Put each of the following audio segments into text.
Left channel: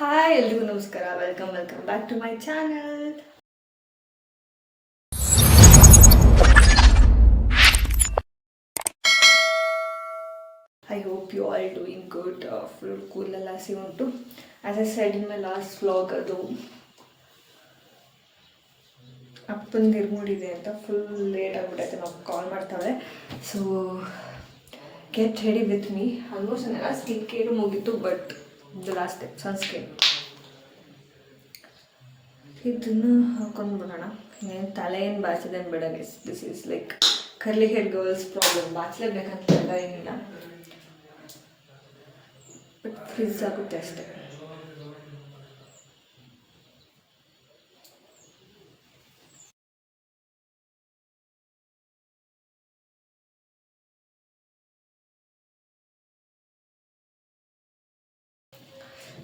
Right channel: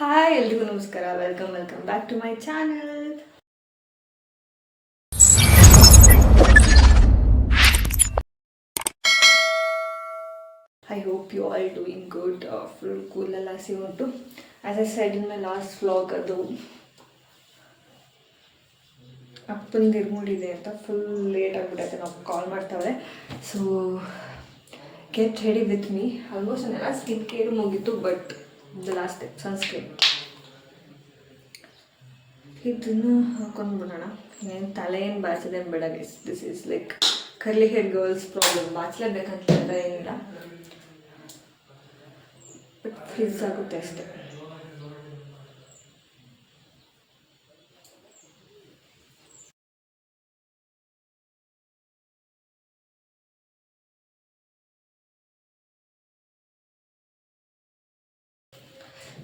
Hi ಎಲ್ರಿಗೂ ನಮಸ್ಕಾರ. Welcome back to my channel. I hope you all doing good. Full ಕೂಲೆಲ್ಲ ಹಸಿ ಉಂಟು. As I said in my last vlog, ಅದು ಅಪ್ಪನ ಇರ್ಮೂಡಿದೆ ಅಂತ ಫುಲ್ ಲೇಟ್ ಆಗಿಬಿಟ್ಟೈತೆ. ನಾವು ಕಾಲ್ ಮಾಡ್ತಾವೆ. So get ready with me. Almost ನಾನೆಲ್ಲ ಸ್ಕಿನ್ ಕೇರು ಮುಗೀತು, but the last step sunscreen. ಇದನ್ನು ಹಾಕೊಂಡು ಬಿಡೋಣ. ಏನು ತಲೆ ಏನು ಬಾಚಿದೆ ಬೇಡ guys. This is like curly hair girls problem. ಬಾಚಲೇಬೇಕಂತ ಏನಿಲ್ಲ, ಬಟ್ ಫ್ರಿಜ್ ಆಗುತ್ತೆ ಅಷ್ಟೇ.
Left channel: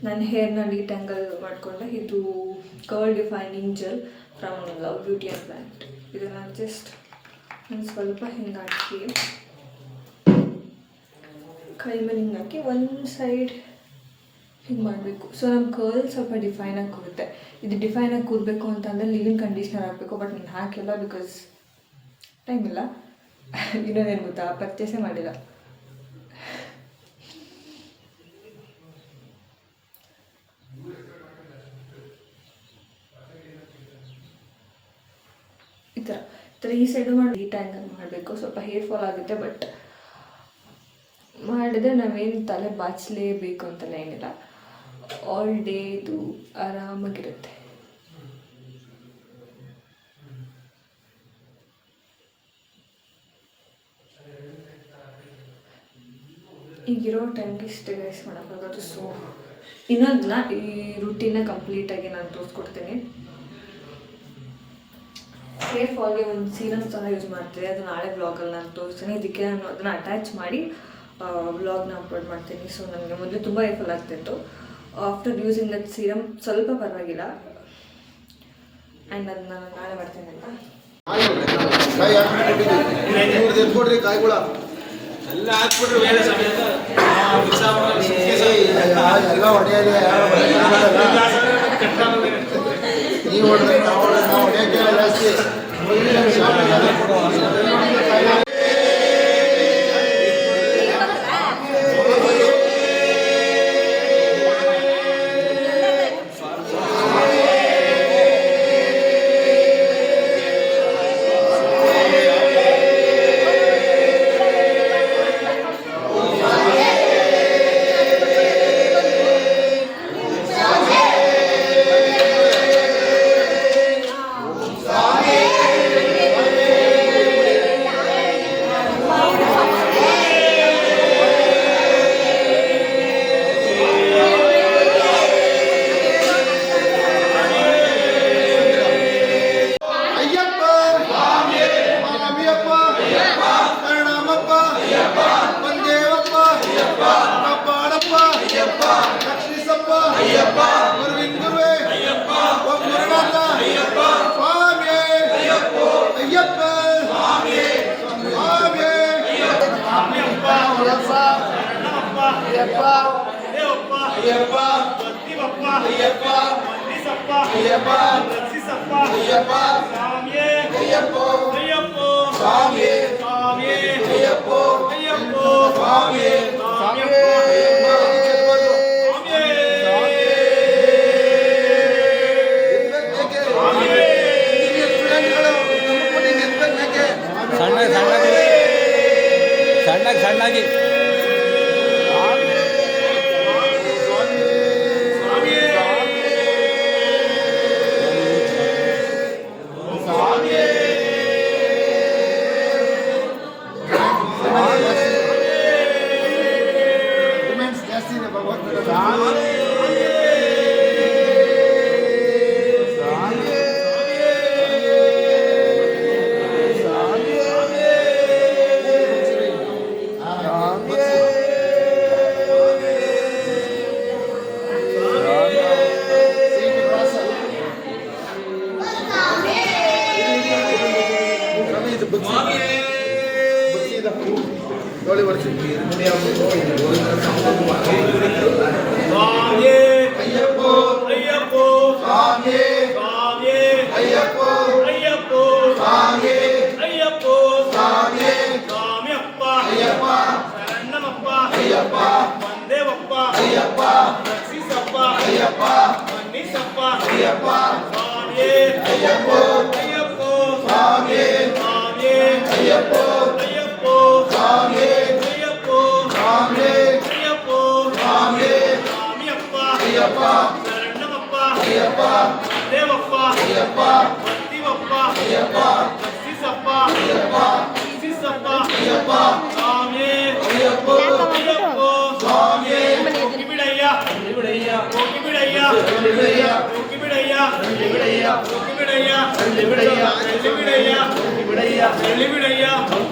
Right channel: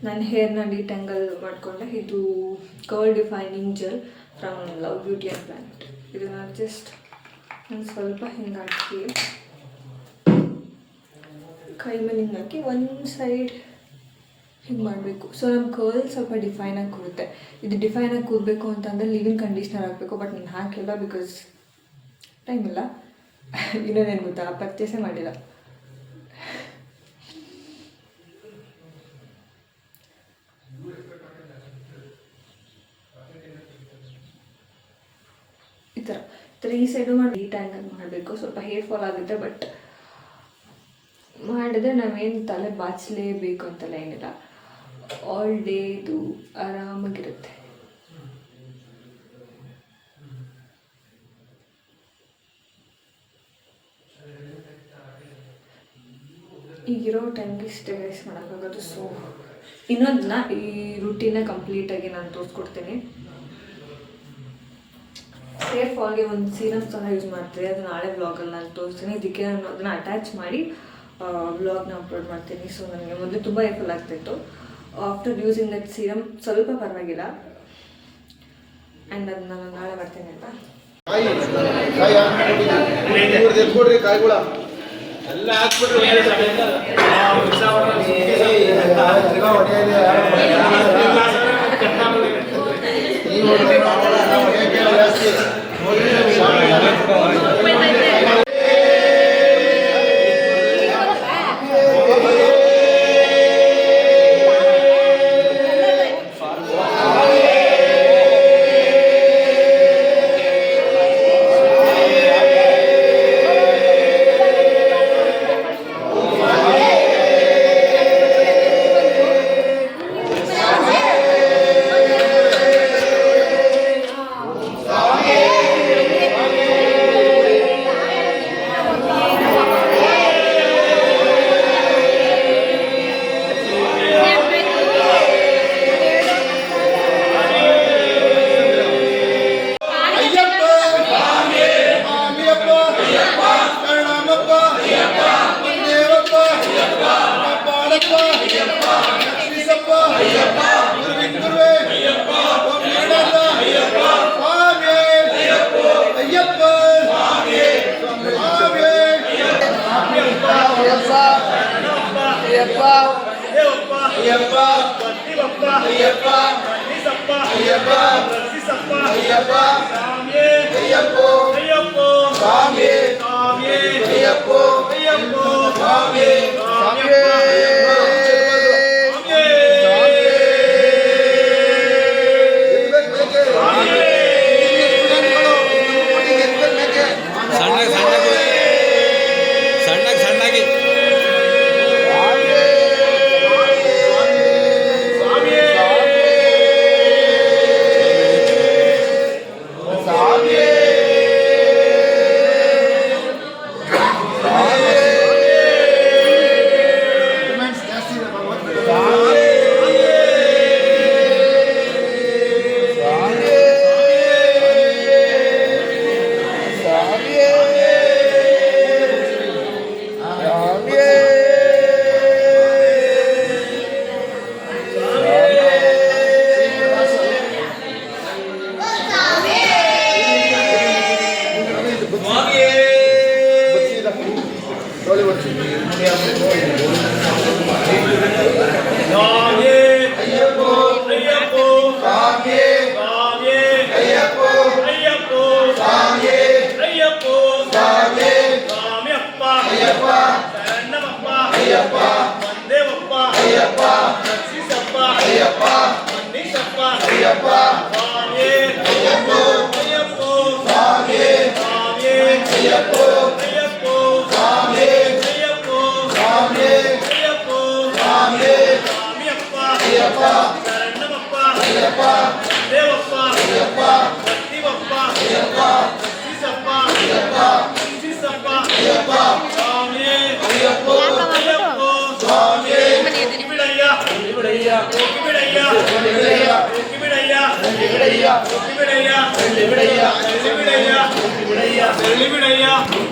ನನ್ನ ಹೇರ್ನ ಡಿಟ್ಯಾಂಗಲ್ ಮಾಡಿಕೊಂಡೆ. ಇದು curl defining gel from love beauty and planet. ಇದನ್ನು ಜಸ್ಟ್ ನಾನು ಸ್ವಲ್ಪ ಹಿಂಗೆ ಹಾಕಿ ಕೈ ಮೇಲೆ ಹಿಂಗೆ ಹಾಕಿ ಒಂದು ಸೈಡ್ ಹಿಂಗೆ ಮಾಡಬೇಕು. ಸೊ ನಮ್ಮ ಕರ್ಲ್ ಸ್ವಲ್ಪ ಡಿಫೈನಾಗಿ ಕೂರುತ್ತೆ. ಇದು ಡಿಫೈನಾಗಿ ಕೂರಬೇಕು ಅಂತಂದರೆ ಲಿವಿಂಗ್ ಕಂಡೀಷ್ನರ್ ಹಾಕಬೇಕು. ಬಟ್ ನಾನು ಹಾಕಿಲ್ಲ, ಬಿಕಾಸ್ ಟೈಮ್ ಇಲ್ಲ. ಇನ್ನೊಂದೇನು ಗೊತ್ತಾ, ಪರ್ಚೇಸೇ ಮಾಡಿಲ್ಲ. ಈ ಥರ ಈ ಸೈಡು ಮಾಡಿ ಡಿಟ್ಯಾಂಗಲ್ ಮಾಡಬೇಕು. ಸ್ವಲ್ಪ ಹೇರ್ ಫಾಲ್ ಆಗುತ್ತೆ, ಬಟ್ ಮಾಡಿದ್ರೆ ನಾವೇನು ತಲೆ ಬಾಚಲೇಬೇಕು ಅಂತೆಲ್ಲ ಏನಿಲ್ಲ. ಆಲ್ ಡೇ ಇದು ಆರಾಮಾಗಿರುತ್ತೆ. ಈಗಿರೋ ಟೈಮ್ಗೆ ಇಷ್ಟೇ ಗೈಸ್ ಮಾಡೋಕ್ಕಾಗೋದು. ಸೊ ಇನ್ನೊಂದನ್ನ ಈ ರೂಟೀನ ಕಂಪ್ಲೀಟಾಗಿ ನಾನು ತೋರಿಸ್ಕೊಡ್ತೀನಿ. ಹೇರ್ ಫಾಲ್ಗೆ ಒಂದು ಸೀರಮ್ ಸಹ ಯೂಸ್ ಮಾಡ್ತೀನಿ. ಅದು ನಾಳೆ ಬ್ಲಾಗಲ್ಲಿ ನಾನು ತೋರಿಸ್ತೀನಿ. ಇದಕ್ಕೆ ನಾನು ಅದನ್ನು ಅಟ್ಯಾಚ್ ಮಾಡಿ ಬ್ಲಾಗ್ನ ಅಪ್ಲೋಡ್ ಮಾಡ್ತೀನಿ. ಸೊ ನನಗೆ ಮೊದಲು ತುಂಬ ಹೇರ್ ಫಾಲ್ ಆಗ್ತಿತ್ತು. ಆಫ್ಟರ್ ಯೂಸಿಂಗ್ ದಟ್ ಸೀರಮ್ ಸ್ವಲ್ಪ ಪರವಾಗಿಲ್ಲ. ಆ್ಯಂಡ್ ಅದನ್ನ ನಾನು ನಾಳೆ ಮಾಡ್ತೇನೆ ಅಂತ. ಸಣ್ಣಗೆ ರಕ್ಷಿಸಪ್ಪ ಅಯ್ಯಪ್ಪ ಮನ್ನಿಸಪ್ಪ ಅಯ್ಯಪ್ಪ ಸ್ವಾಮಿಯೇ ಅಯ್ಯಪ್ಪ ಅಯ್ಯಪ್ಪ ಸ್ವಾಮಿಯೇ ಸ್ವಾಮಿಯೇ ಅಯ್ಯಪ್ಪ ಅಯ್ಯಪ್ಪ ಸ್ವಾಮಿಯೇ ಅಯ್ಯಪ್ಪ ಸ್ವಾಮಿಯೇ ಅಯ್ಯಪ್ಪ ಸ್ವಾಮಿಯೇ ಸ್ವಾಮಿಯಪ್ಪ ಅಯ್ಯಪ್ಪ ಶರಣಮಪ್ಪ ಅಯ್ಯಪ್ಪ ದೇವಪ್ಪ ಅಯ್ಯಪ್ಪ ಭಕ್ತಿವಪ್ಪ ಅಯ್ಯಪ್ಪ ರಕ್ಷಿಸಪ್ಪ ಅಯ್ಯಪ್ಪ ರಕ್ಷಿಸಪ್ಪ ಅಯ್ಯಪ್ಪ ಸ್ವಾಮಿಯೇ ಅಯ್ಯಪ್ಪ ಅಯ್ಯಪ್ಪ ಸ್ವಾಮಿಯೇ ಬಿಡಯ್ಯ ಬಿಡಯ್ಯ ಬಿಡಯ್ಯ ಬಿಡಯ್ಯ ಬಿಡಯ್ಯ ಬಿಡಯ್ಯ ಬಿಡಯ್ಯ ಬಿಡಯ್ಯ ಬಿಡಯ್ಯ ಬಿಡಯ್ಯ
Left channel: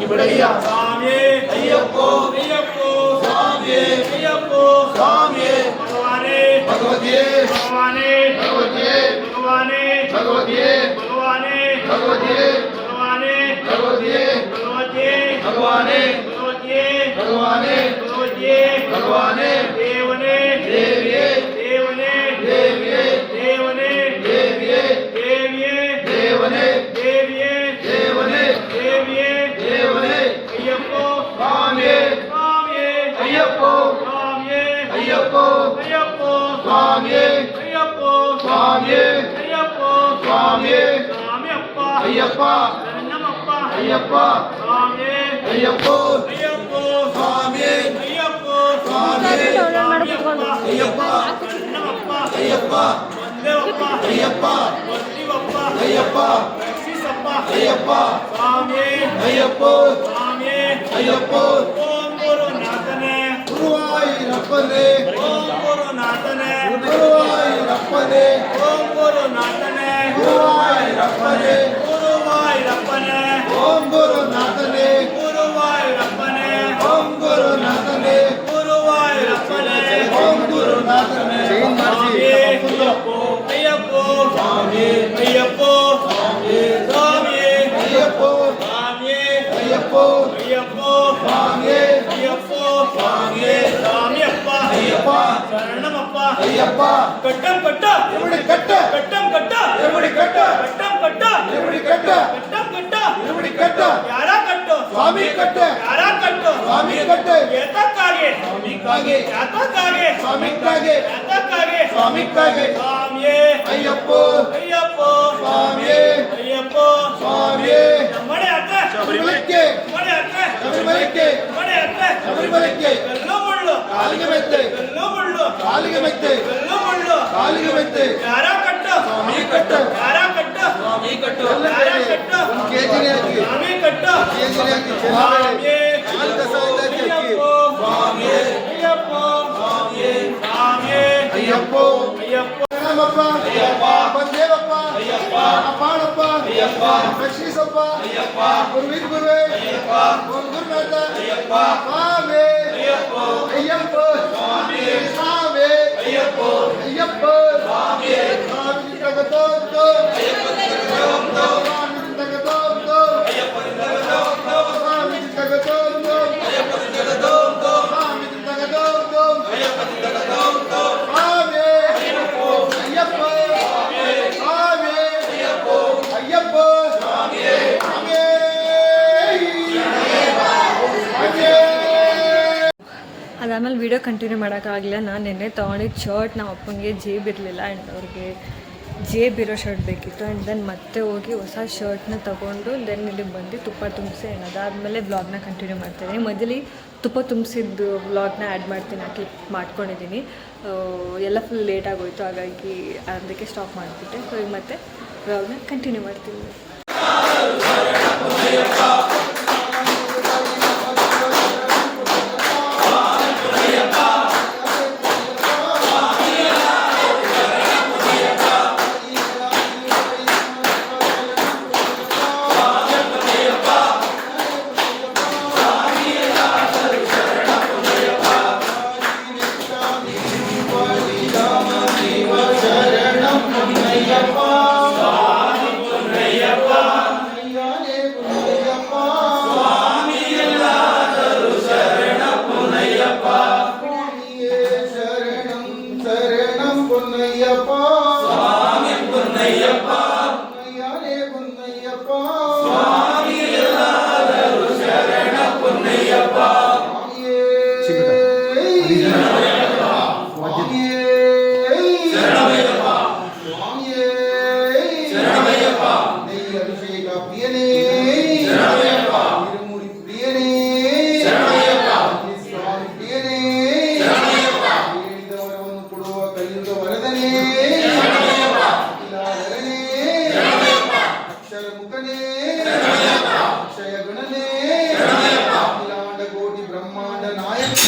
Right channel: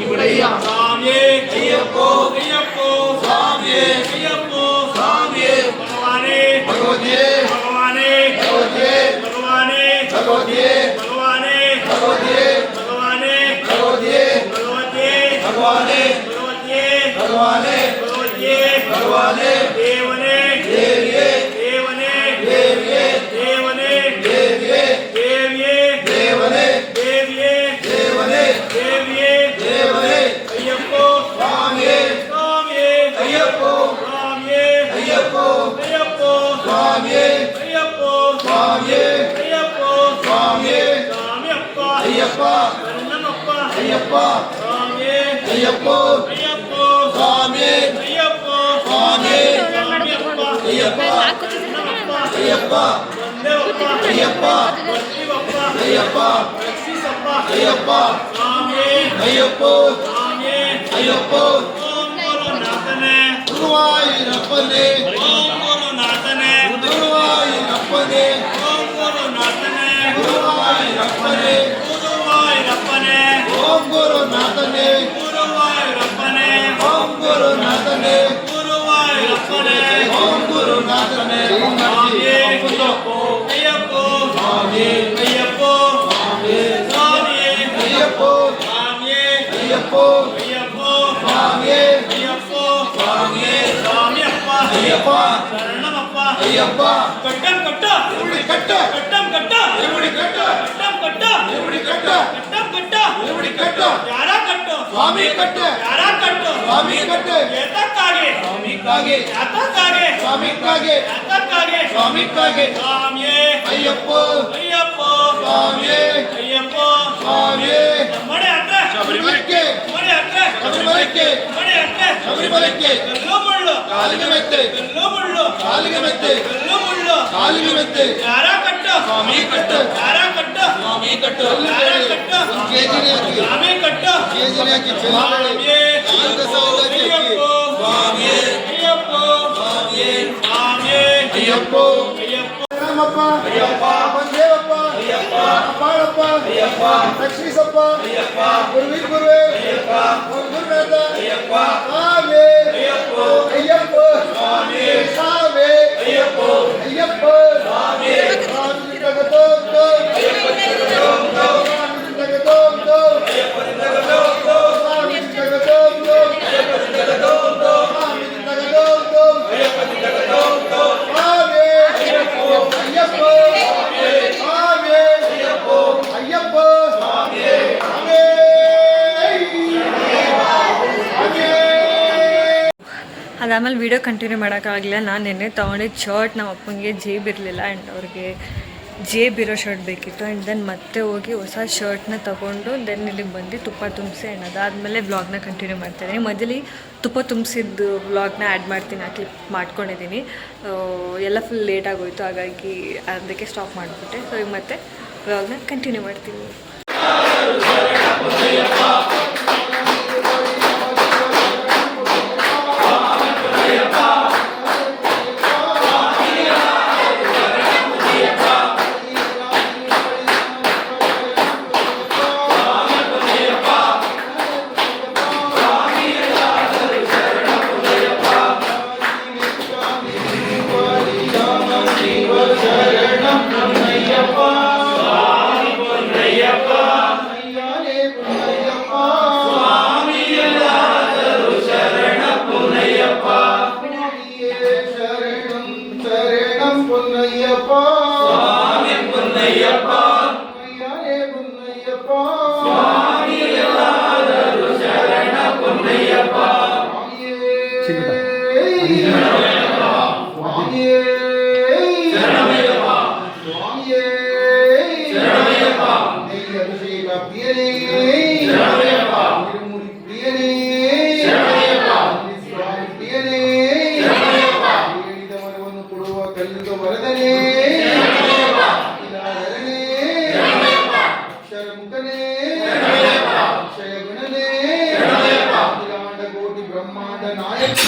ಬಿಡಯ್ಯ ಸ್ವಾಮಿಯೇ ಅಯ್ಯಪ್ಪ ಅಯ್ಯಪ್ಪ ಸ್ವಾಮಿಯೇ ಅಯ್ಯಪ್ಪ ಸ್ವಾಮಿಯೇ ಭಗವಾನೇ ಭಗವತಿಯೇ ಭಗವಾನೇ ಭಗವತಿಯೇ ಭಗವಾನೇ ಭಗವತಿಯೇ ಭಗವಾನೇ ಭಗವತಿಯೇ ಭಗವಾನೇ ಭಗವತಿಯೇ ಭಗವತಿಯೇ ಭಗವಾನೇ ಭಗವತಿಯೇ ಭಗವಾನೇ ಭಗವತಿಯೇ ಭಗವಾನೇ ದೇವನೇ ದೇವಿಯೇ ದೇವನೇ ದೇವಿಯೇ ದೇವನೇ ದೇವಿಯೇ ದೇವಿಯೇ ದೇವನೇ ದೇವಿಯೇ ದೇವನೇ ದೇವಿಯೇ ದೇವನೇ ಅಯ್ಯಪ್ಪ ಸ್ವಾಮಿಯೇ ಸ್ವಾಮಿಯೇ ಅಯ್ಯಪ್ಪ ಸ್ವಾಮಿಯೇ ಅಯ್ಯಪ್ಪ ಅಯ್ಯಪ್ಪ ಸ್ವಾಮಿಯೇ ಅಯ್ಯಪ್ಪ ಸ್ವಾಮಿಯೇ ಅಯ್ಯಪ್ಪ ಸ್ವಾಮಿಯೇ ಸ್ವಾಮಿಯಪ್ಪ ಅಯ್ಯಪ್ಪ ಶರಣಮಪ್ಪ ಅಯ್ಯಪ್ಪ ಸ್ವಾಮಿಯೇ ಅಯ್ಯಪ್ಪ ಅಯ್ಯಪ್ಪ ಸ್ವಾಮಿಯೇ ಅಯ್ಯಪ್ಪ ಸ್ವಾಮಿಯೇ ಸ್ವಾಮಿಯಪ್ಪ ಅಯ್ಯಪ್ಪ ಶರಣಮಪ್ಪ ಅಯ್ಯಪ್ಪ ವಂದೇವಪ್ಪ ಅಯ್ಯಪ್ಪ ಭಕ್ತಿವಪ್ಪ ಅಯ್ಯಪ್ಪ ರಕ್ಷಿಸಪ್ಪ ಅಯ್ಯಪ್ಪ ಸ್ವಾಮಿಯೇ ಅಯ್ಯಪ್ಪ ಸ್ವಾಮಿಯೇ ಅಯ್ಯಪ್ಪ ಓಂ ಗುರುನಾಥನೇ ಗುರುವಾಯೂರಪ್ಪನೇ ಓಂ ಗುರುನಾಥನೇ ಗುರುವಾಯೂರಪ್ಪನೇ ಓಂ ಗುರುನಾಥನೇ ಗುರುವಾಯೂರಪ್ಪನೇ ಗುರುವಾಯೂರಪ್ಪನೇ ಓಂ ಗುರುನಾಥನೇ ಗುರುವಾಯೂರಪ್ಪನೇ ಓಂ ಗುರುನಾಥನೇ ಗುರುವಾಯೂರಪ್ಪನೇ ಓಂ ಗುರುನಾಥನೇ ಸ್ವಾಮಿಯೇ ಅಯ್ಯಪ್ಪ ಅಯ್ಯಪ್ಪ ಸ್ವಾಮಿಯೇ ಅಯ್ಯಪ್ಪ ಸ್ವಾಮಿಯೇ ಸ್ವಾಮಿಯೇ ಅಯ್ಯಪ್ಪ ಸ್ವಾಮಿಯೇ ಅಯ್ಯಪ್ಪ ಅಯ್ಯಪ್ಪ ಸ್ವಾಮಿಯೇ ಅಯ್ಯಪ್ಪ ಸ್ವಾಮಿಯೇ ಸ್ವಾಮಿಯಪ್ಪ ಅಯ್ಯಪ್ಪ ಶರಣಮಪ್ಪ ಅಯ್ಯಪ್ಪ ಕಟ್ಟಂ ಕಟ್ಟ ಎರುಡಿ ಕಟ್ಟ ಕಟ್ಟಂ ಕಟ್ಟ ಎರುಡಿ ಕಟ್ಟ ಕಟ್ಟಂ ಕಟ್ಟ ಎರುಡಿ ಕಟ್ಟ ಕಟ್ಟಂ ಕಟ್ಟ ಎರುಡಿ ಕಟ್ಟ ಯಾರ ಕಟ್ಟು ಸ್ವಾಮಿ ಕಟ್ಟ ಯಾರ ಕಟ್ಟು ಸ್ವಾಮಿ ಕಟ್ಟ ಏತಕ್ಕಾಗೆ ಸ್ವಾಮಿಗಾಗಿ ಯಾತಕ್ಕಾಗೆ ಸ್ವಾಮಿಗಾಗಿ ಯಾತಕ್ಕಾಗೆ ಸ್ವಾಮಿಗಾಗಿ ಸ್ವಾಮಿಯೇ ಅಯ್ಯಪ್ಪ ಅಯ್ಯಪ್ಪ ಸ್ವಾಮಿಯೇ ಅಯ್ಯಪ್ಪ ಸ್ವಾಮಿಯೇ ಮಳೆ ಅತ್ತೆ ಶಬರಿಮಲೆಗೆ ಮಳೆ ಅತ್ತೆ ಶಬರಿಮಲೆಗೆ ಮಳೆ ಅತ್ತೆ ಶಬರಿಮಲೆಗೆ ಕಲ್ಲು ಮುಳ್ಳು ಕಾಲಿಗೆ ಮೆತ್ತೆ ಕಲ್ಲು ಮುಳ್ಳು ಕಾಲಿಗೆ ಮೆತ್ತೆ ಕಲ್ಲು ಮುಳ್ಳು ಕಾಲಿಗೆ ಮೆತ್ತೆ ಯಾರ ಕಟ್ಟ ಸ್ವಾಮಿ ಕಟ್ಟ ಯಾರ ಕಟ್ಟ ಸ್ವಾಮಿ ಕಟ್ಟ ಯಾರ ಕಟ್ಟ ಒಂದು ಕೆಜಿನೇ ಹಾಕಿ ಸ್ವಾಮಿ ಕಟ್ಟ ಕೆಜಿನೇ ಹಾಕಿ ಸ್ವಾಮಿಯೇ ನಾಲ್ಕು ಸಾವಿರ ಹಾಕಿ ಸ್ವಾಮಿಯೇ ಅಯ್ಯಪ್ಪ ಸ್ವಾಮಿಯೇ ಸ್ವಾಮಿಯೇ ಅಯ್ಯಪ್ಪ ಅಯ್ಯಪ್ಪ ನಮ್ಮಪ್ಪ ಅಯ್ಯಪ್ಪ ಬಂದೇವಪ್ಪ ಅಯ್ಯಪ್ಪ ಅಪಾಳಪ್ಪ ಅಯ್ಯಪ್ಪ ರಕ್ಷಿಸಪ್ಪ ಅಯ್ಯಪ್ಪ ಗುರುವಿ ಗುರುವೇ ಅಯ್ಯಪ್ಪ ಗುರುನಾಥ ಅಯ್ಯಪ್ಪ ಸ್ವಾಮಿ ಅಯ್ಯಪ್ಪ ಅಯ್ಯಪ್ಪ ಸ್ವಾಮಿ ಸ್ವಾಮಿ ಅಯ್ಯಪ್ಪ ಅಯ್ಯಪ್ಪ ಸ್ವಾಮಿ ಸ್ವಾಮಿ ತಗತೋ ಅಯ್ಯಪ್ಪ ತಗತೋ ಸ್ವಾಮಿ ತಗತೋ ಅಯ್ಯಪ್ಪ ತಗತೋ ಸ್ವಾಮಿ ತಗತೋ ಅಯ್ಯಪ್ಪ ತಗತೋ ಸ್ವಾಮಿ ತಗತೋ ಅಯ್ಯಪ್ಪ ತಗತೋ ಸ್ವಾಮಿ ಅಯ್ಯಪ್ಪ ಅಯ್ಯಪ್ಪ ಸ್ವಾಮಿ ಅಯ್ಯಪ್ಪ ಅಯ್ಯಪ್ಪ ಸ್ವಾಮಿ ಸ್ವಾಮಿ ಅದಾದಮೇಲೆ ವೀಡಿಯೋ ಕಂಟಿನ್ಯೂ ಮಾಡೋಕ್ಕಾಗಲಿಲ್ಲ. ನಾನು ನಿನ್ನೆ ತೊಗೊಂಡಿದ್ದು ಶರ್ಟ್ ನಮ್ಮ ಅಪ್ಪನಿಗೆ ಜೇಬ್ ಇರಲಿಲ್ಲ ಆ್ಯಂಡ್ ಅವ್ರಿಗೆ ಜೇಬ್ ಇರೋ ಶರ್ಟ್ ಬೇಕಿತ್ತು. ಆ್ಯಂಡ್ ದೆನ್ ಮತ್ತೆ ಹೋಗಿ ಹೊಸ ಶರ್ಟ್ನ ತೊಗೊಂಡು ದೆನ್ ಇಲ್ಲಿಗೆ ಬಂದು ತುಪ್ಪ ತುಂಬಿಸಿ ಆ್ಯಂಡ್ ಅದಾದಮೇಲೆ ವ್ಲಾಗ್ನ ಕಂಟಿನ್ಯೂ ಮಾಡ್ತಾಯಿದ್ದೀನಿ. ಮೊದಲು ತುಪ್ಪ ತುಂಬಿಸಿದ್ದು ವ್ಲಾಗ್ನ ಆ್ಯಡ್ ಮಾಡ್ತೀನಿ, ಕ್ಲಿಪ್ ಮಾಡ್ಕೊಂಡಿದ್ದೀನಿ. ಎಲ್ಲ ಫುಲ್ ಲೇಟ್ ಆಗೋಯಿತು, ಹಾಗಾಗಿ ಅದಕ್ಕೆ ಸ್ಟಾಪ್ ಮಾಡಿಬಿಟ್ಟೆ. ಸೊ ಈಗ ಮತ್ತೆ ವ್ಲಾಗ್ನ ಕಂಟಿನ್ಯೂ ಮಾಡ್ತೀನಿ. Yeah. ಕಲಿಯುಗ ವರದನೇ ಅಕ್ಷರ ಮುಖನೇ ಅಕ್ಷಯ ಗುಣನೇ ಅಖಿಲಾಂಡ ಕೋಟಿ ಬ್ರಹ್ಮಾಂಡ ನಾಯಕ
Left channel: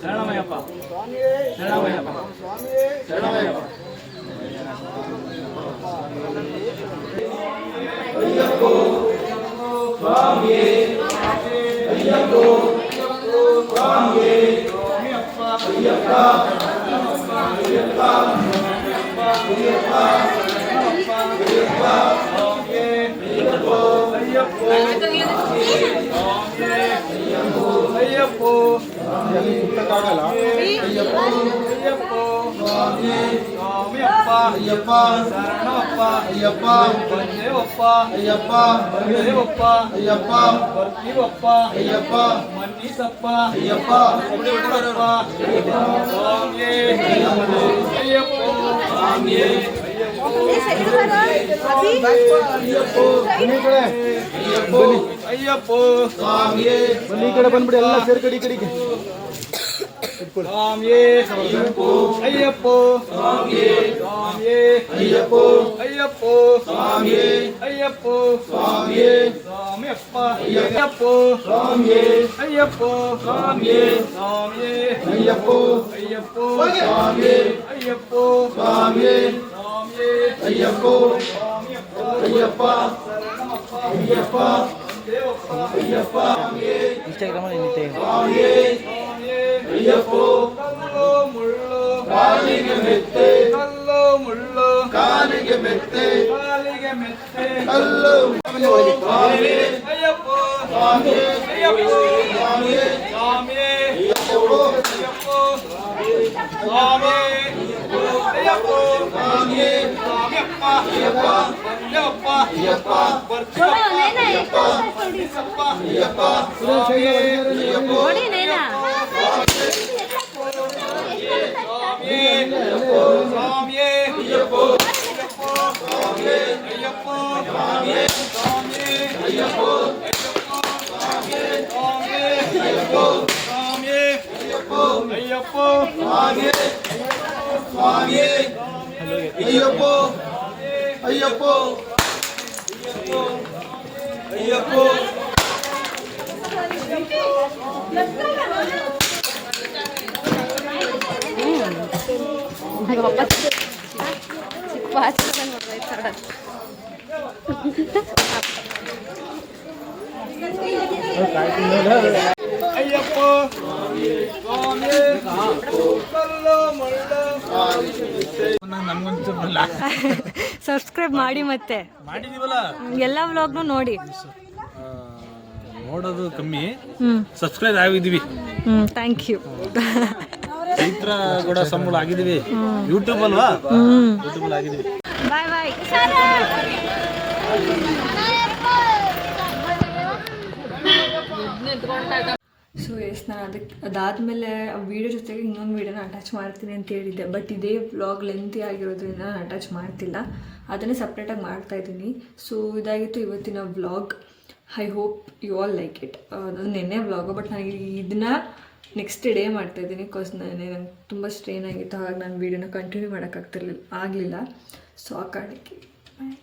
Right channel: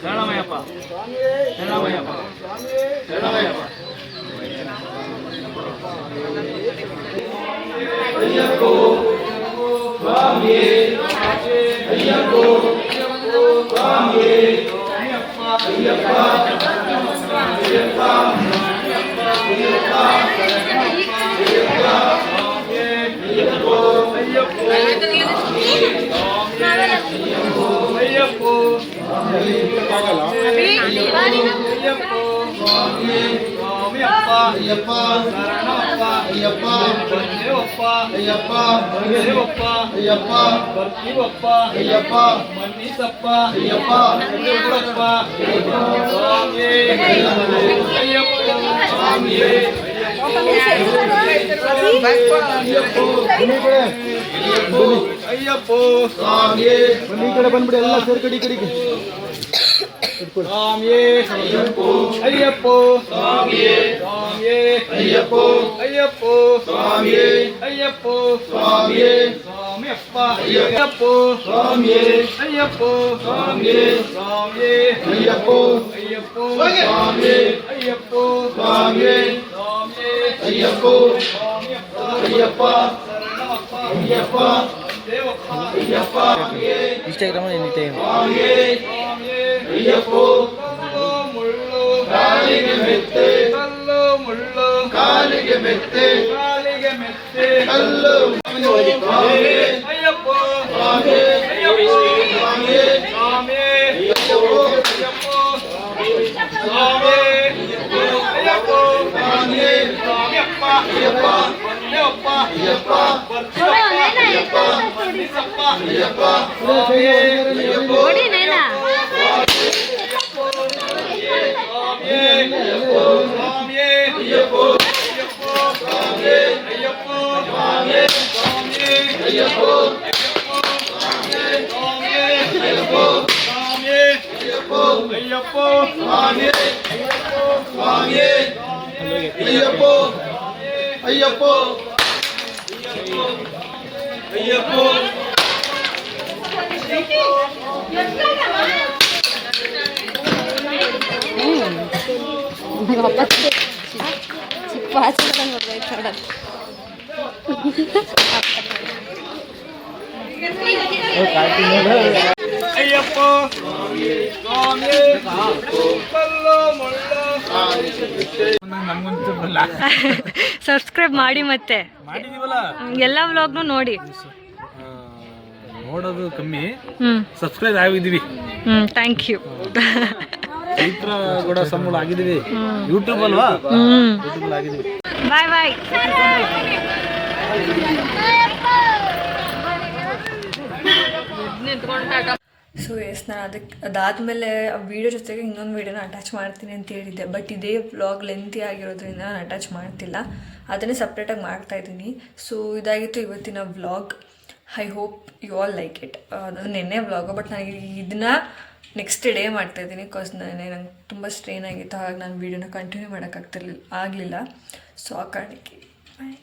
ಶರಣಮಯ್ಯಪ್ಪ ಶರಣಮಯ್ಯಪ್ಪ ಶರಣಮಯ್ಯಪ್ಪ ಅಯ್ಯಪ್ಪೋ ಸ್ವಾಮಿಯೇ ಅಯ್ಯಪ್ಪೋ ಸ್ವಾಮಿಯೇ ಅಯ್ಯಪ್ಪ ಅಯ್ಯಪ್ಪ ಅಯ್ಯಪ್ಪ ಅಯ್ಯಪ್ಪೋ ಸ್ವಾಮಿಯಪ್ಪ ಅಯ್ಯಪ್ಪ ಶರಣಪ್ಪ ಅಯ್ಯಪ್ಪ ದೇವಪ್ಪ ಅಯ್ಯಪ್ಪ ದೇವಪ್ಪ ಅಯ್ಯಪ್ಪ ಬರ್ತೀವಪ್ಪ ಅಯ್ಯಪ್ಪ ಮನ್ನಿಸಪ್ಪ ಅಯ್ಯಪ್ಪ ಅಯ್ಯಪ್ಪ ಸ್ವಾಮಿ ಅಯ್ಯಪ್ಪ ಸ್ವಾಮಿ ಅಯ್ಯಪ್ಪೋ ಸ್ವಾಮಿಯೇ ಬನ್ನಿ ಕಡೆ ಬಂದ್ಬಿಡಿ ಎಲ್ಲ ಸೇರ್ಕಡಿ ಕಡೆಗೆ ಸ್ವಾಮಿಯೇ ಅಯ್ಯಪ್ಪೋ ಅಯ್ಯಪ್ಪೋ ಸ್ವಾಮಿಯೇ ಸ್ವಾಮಿಯೇ ಅಯ್ಯಪ್ಪೋ ಅಯ್ಯಪ್ಪೋ ಸ್ವಾಮಿಯೇ ಅಯ್ಯಪ್ಪೋ ಸ್ವಾಮಿಯೇ ಸ್ವಾಮಿಯಪ್ಪ ಅಯ್ಯಪ್ಪೋ ಸ್ವಾಮಿಯೇ ಅಯ್ಯಪ್ಪೋ ಸ್ವಾಮಿಯೇ ಸ್ವಾಮಿಯೇ ಅಯ್ಯಪ್ಪೋ ಅಯ್ಯಪ್ಪೋ ಸ್ವಾಮಿಯೇ ಅಯ್ಯಪ್ಪೋ ಸ್ವಾಮಿಯೇ ಸ್ವಾಮಿಯೇ ಅಯ್ಯಪ್ಪೋ ಅಯ್ಯಪ್ಪ ಅಯ್ಯಪ್ಪ ದೇವಪ್ಪ ಅಯ್ಯಪ್ಪ ಇನ್ಸ್ಟಾಗ್ರಾಮ್ ಅಯ್ಯಪ್ಪೋ ಕಲ್ಲು ಮುಳ್ಳು ಕಾಲಿಗೆ ಮೆತ್ತೆ ಕಲ್ಲು ಮುಳ್ಳು ಕಾಲಿಗೆ ಮೆತ್ತೆ ಕಾಲಿಗೆ ಮೆತ್ತೆ ಕಲ್ಲು ಅಯ್ಯಪ್ಪೋ ಸ್ವಾಮಿ ಅಯ್ಯಪ್ಪೋ ಸ್ವಾಮಿ ಸ್ವಾಮಿ ಅಯ್ಯಪ್ಪೋ ಅಯ್ಯಪ್ಪೋ ಸ್ವಾಮಿ ಅಯ್ಯಪ್ಪೋ ಸ್ವಾಮಿ ಸ್ವಾಮಿಯಪ್ಪ ಅಯ್ಯಪ್ಪ ಬಂದೇವಪ್ಪ ಅಯ್ಯಪ್ಪ ಬರ್ತೀವಪ್ಪ ಅಯ್ಯಪ್ಪ ಬಂದಿಸಪ್ಪ ಅಯ್ಯಪ್ಪ ಸ್ವಾಮಿ ಅಯ್ಯಪ್ಪೋ ಅಯ್ಯಪ್ಪೋ ಅಯ್ಯಪ್ಪೋ ಅಯ್ಯಪ್ಪೋ ಅಯ್ಯಪ್ಪೋ ಅಯ್ಯಪ್ಪೋ ಸಬ್ಸ್ಕ್ರೈಬ್ ಮಾಡಿ ಮತ್ತೆ ಮಾಡಿದೀವಲ್ಲ ಎಲ್ಲ ವ್ಲಾಗ್ನು ನೋಡಿ. ನೋಡೋದು ಕಮ್ಮಿ, ಹ್ಮ್ ಸಬ್ಸ್ಕ್ರೈಬ್ ಆಗಿದ್ದೀವಿ. Thank you. ಚೈತ್ರ ಕೂಡ ಸಂಬಳ ಆಗಿದ್ದೀವಿ. ಯೂಟ್ಯೂಬ್ ಅಲ್ವಾ, ಯೂಟ್ಯೂಬ್ ಆಗಿದ್ದೀವಿ. ಬಾಯ್ ಬಾಯ್. ಸೊ ಎಸ್, ನಾನು ಅದಾದಮೇಲೆ ಆ ವಿಡಿಯೋ ಜೊತೆಗೆ ಇನ್ನೊಂದು ವೀಡಿಯೋನ ಅಟ್ಯಾಚ್ ಮಾಡ್ತೀನಿ ಅಂತ ಹೇಳಿದ್ದೆ. ಬಟ್ ಇದೇ ವ್ಲಾಗ್ ಲೆಂತಿ ಆಗಿರೋದ್ರಿಂದ ನಾನು ಅಟ್ಯಾಚ್ ಮಾಡ್ತಿಲ್ಲ, ಅದನ್ನೇ ಸಪ್ರೇಟಾಗಿ ಮಾಡ್ತಾಯಿದ್ದೀನಿ. ಸೊ ಇದಾಗಿತ್ತು ಇವತ್ತಿನ vlog. I hope you all like it. ಅದು ನೆನ್ನೆ ವ್ಲಾಗು, ಬಟ್ ನನಗೆ ಇದನ್ನು ನೆಕ್ಸ್ಟ್ ಡೇ ಮಾಡ್ತಾಯಿದ್ದೀನಿ. ಬಿಕಾಸ್ ನಂಗೆ ತುಂಬ ಸ್ಟ್ರೇನ್ ಆಗಿತ್ತು, ಹಾಗಾಗಿ ನಾನು ವೀಡಿಯೋನ ಕಂಟಿನ್ಯೂ ಮಾಡೋಕ್ಕಾಗ್ತಿರ್ಲಿಲ್ಲ ಆಗಲಿಲ್ಲ. ಸೊ ಆ ಕಾರಣಕ್ಕೆ ಬಾಯ್.